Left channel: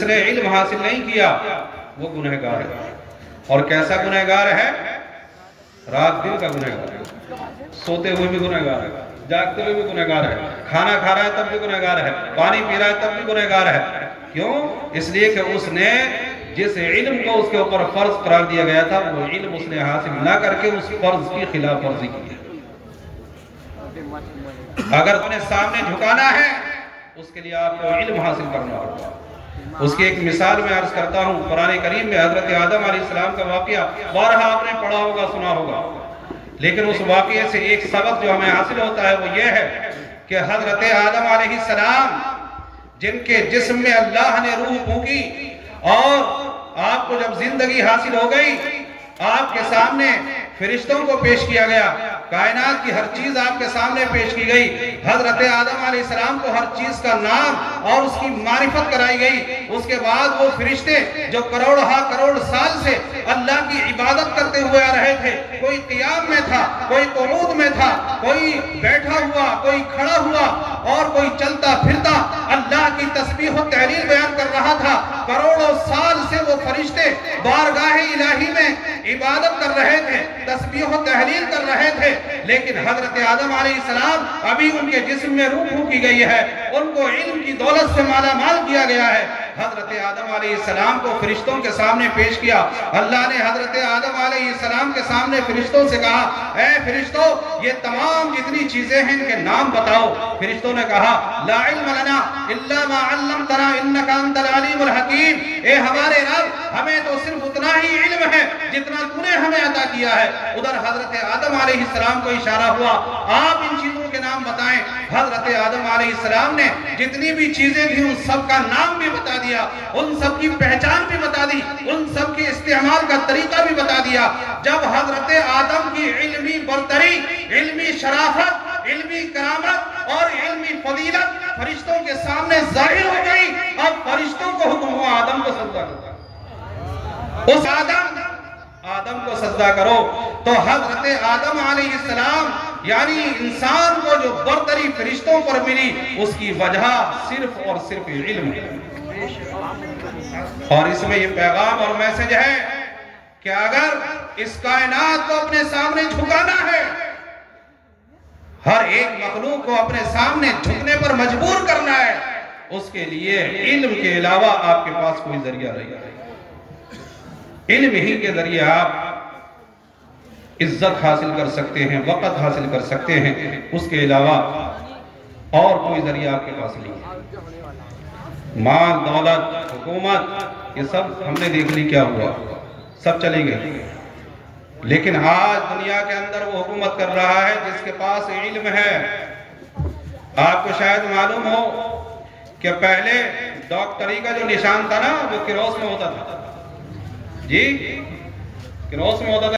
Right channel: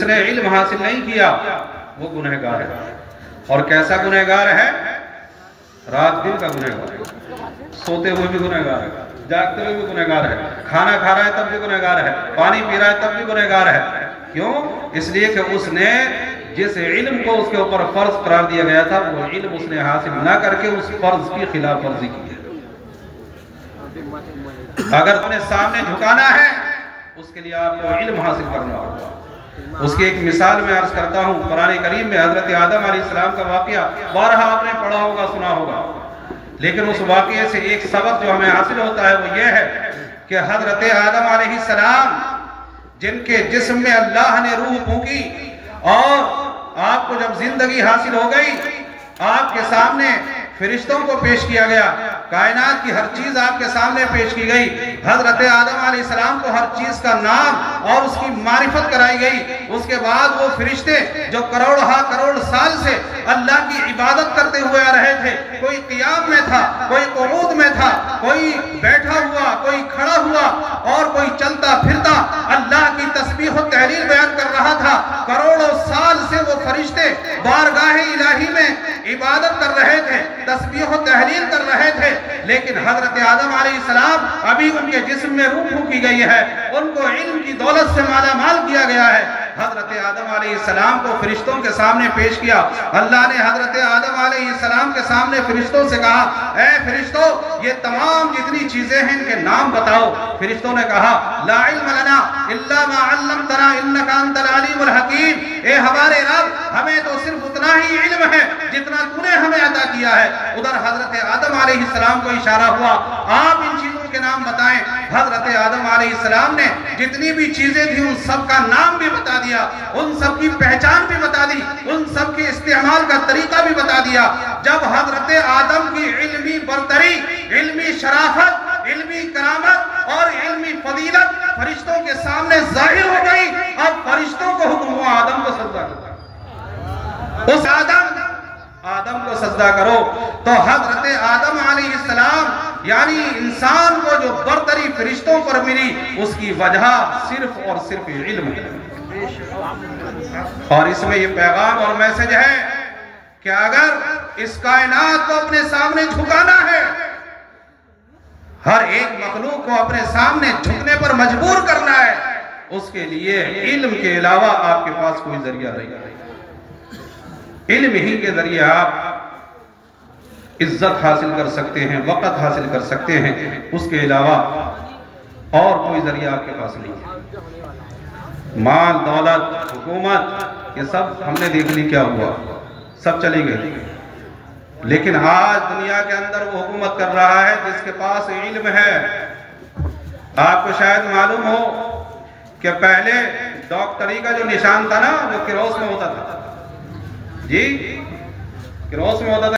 جس نے علم حاصل نہیں کیا وہ گنہگار ہے. اور کیسا گنہگار ہے؟ رات دن کا گنہگار ہے. سوتے ہوئے بھی گنہگار ہے, جاگتے ہوئے بھی گنہگار ہے, کھانا کھا رہا ہے تب بھی گنہگار ہے, پانی پی رہا ہے تب بھی گنہگار ہے. کیوں؟ اس لیے کہ اس نے جس علم کو اس کے اوپر فرض قرار دیا گیا تھا وہ علم اس نے حاصل نہ کر کے اس فرض کی خلاف ورزی کی. اگر اپنے سامنے جھکانا ہے اس کے لیے آپ کو علم حاصل کرنا ہوگا. اس کی ایک مثال میں عرض کرتا ہوں. قرآن کریم میں حضرت آدم علیہ السلام کا واقعہ بارہا آپ نے پڑھا ہوگا, سنا ہوگا, لیکن اس واقعے سے ایک سبق جو ہمیں حاصل ہوتا ہے وہ یہ ہے کہ حضرت آدم علیہ السلام جن کے جسم میں اللہ نے روح پھونکی اور آپ کو جب زندگی حاصل ہو گئی, آپ کے سامنے فرشتوں کو پیش کیا گیا, کائنات کی ہر چیز آپ کے سامنے پیش کی گئی. حضرت آدم علیہ السلام کو ہر چیز کا نام اور اس کی معرفت کرائی گئی. اس کے بعد وہ فرشتے جو کروڑ سال سے اللہ کی عبادت کرتے ہوئے آ رہے تھے, کوئی قیام میں تھا, کوئی قعود میں تھا, کوئی بیٹھا ہوا, کوئی کھڑا ہوا اور کوئی چلتا پھرتا اللہ کی تسبیح و تحلیل بیان کر رہا تھا. کروڑوں سال سے وہ فرشتے بارگاہ الہی میں عبادت کر رہے تھے, تسبیح و تحلیل کر رہے تھے, لیکن حضرت آدم علیہ السلام ابھی ان کے جسم میں روح پھونکی گئی ہے, ان کو علم کی دولت سے مالا مال کیا گیا ہے. حضرت آدم علیہ السلام کو فرشتوں کے سامنے پیش کیا. اللہ نے حضرت آدم علیہ السلام کے سامنے فرشتوں سے کہا, اے فرشتوں یہ تمام جتنی چیزیں ہیں ان کے نام بتاؤ. فرشتوں نے کہا, لا علم لنا الا ما علمتنا انک انت العلیم الحکیم. اے ہمارے رب, ہمیں تو صرف اتنا ہی علم ہے جتنا تو نے ہمیں عطا کیا ہے. ادھر حضرت آدم علیہ السلام کو اشارہ ہوا, آپ ان چیزوں کے نام بتائیں. حضرت آدم علیہ السلام نے جتنی بھی چیزیں تھیں ان سب کا نام بھی بتا دیا, ان سب کی پہچان بھی بتا دی, ان سب کے استعمال کا طریقہ بھی بتا دیا. جب حضرت آدم کی علمی برتری, علمی شرافت, علمی کرامت اور علمی فضیلت فرشتوں کے سامنے ظاہر ہو گئی, اب فرشتوں کو حکم ہوا آدم کو سجدہ کرو. اس آدم کو سجدہ کرو. تو حضرت آدم علیہ السلام یعنی انسان کو جو برتری فرشتوں پر ملی اس کی وجہ صرف اور صرف علم ہے. اور اس میں یہ پیغام اور میسج ہے کہ اگر اس کائنات کو اپنے سامنے جھکانا ہے, ہر ایک مخلوق کو اپنے سامنے جھکنے پر مجبور کرنا ہے, اس کے لیے علم کے علاوہ آپ کے پاس کوئی ذریعہ نہیں. علم ہی کے ذریعے آپ عزت حاصل کر سکتے ہیں, وقت حاصل کر سکتے ہیں, اس کے علاوہ اور کوئی ذریعہ آپ کے پاس نہیں. مال, دولت, حکومت, یہ سب ہم نے دیکھ لی کیا ہوا, سب چلی گئی. لیکن آج دنیا کے اندر وہ حکومت کر رہا ہے جس کے پاس علم ہے. آپ کو شاید معلوم ہو کہ پہلے ڈاکٹری کا جو نشان تھا نا وہ کروس میں ہوتا تھا. جی, کروس میں ہوتا تھا.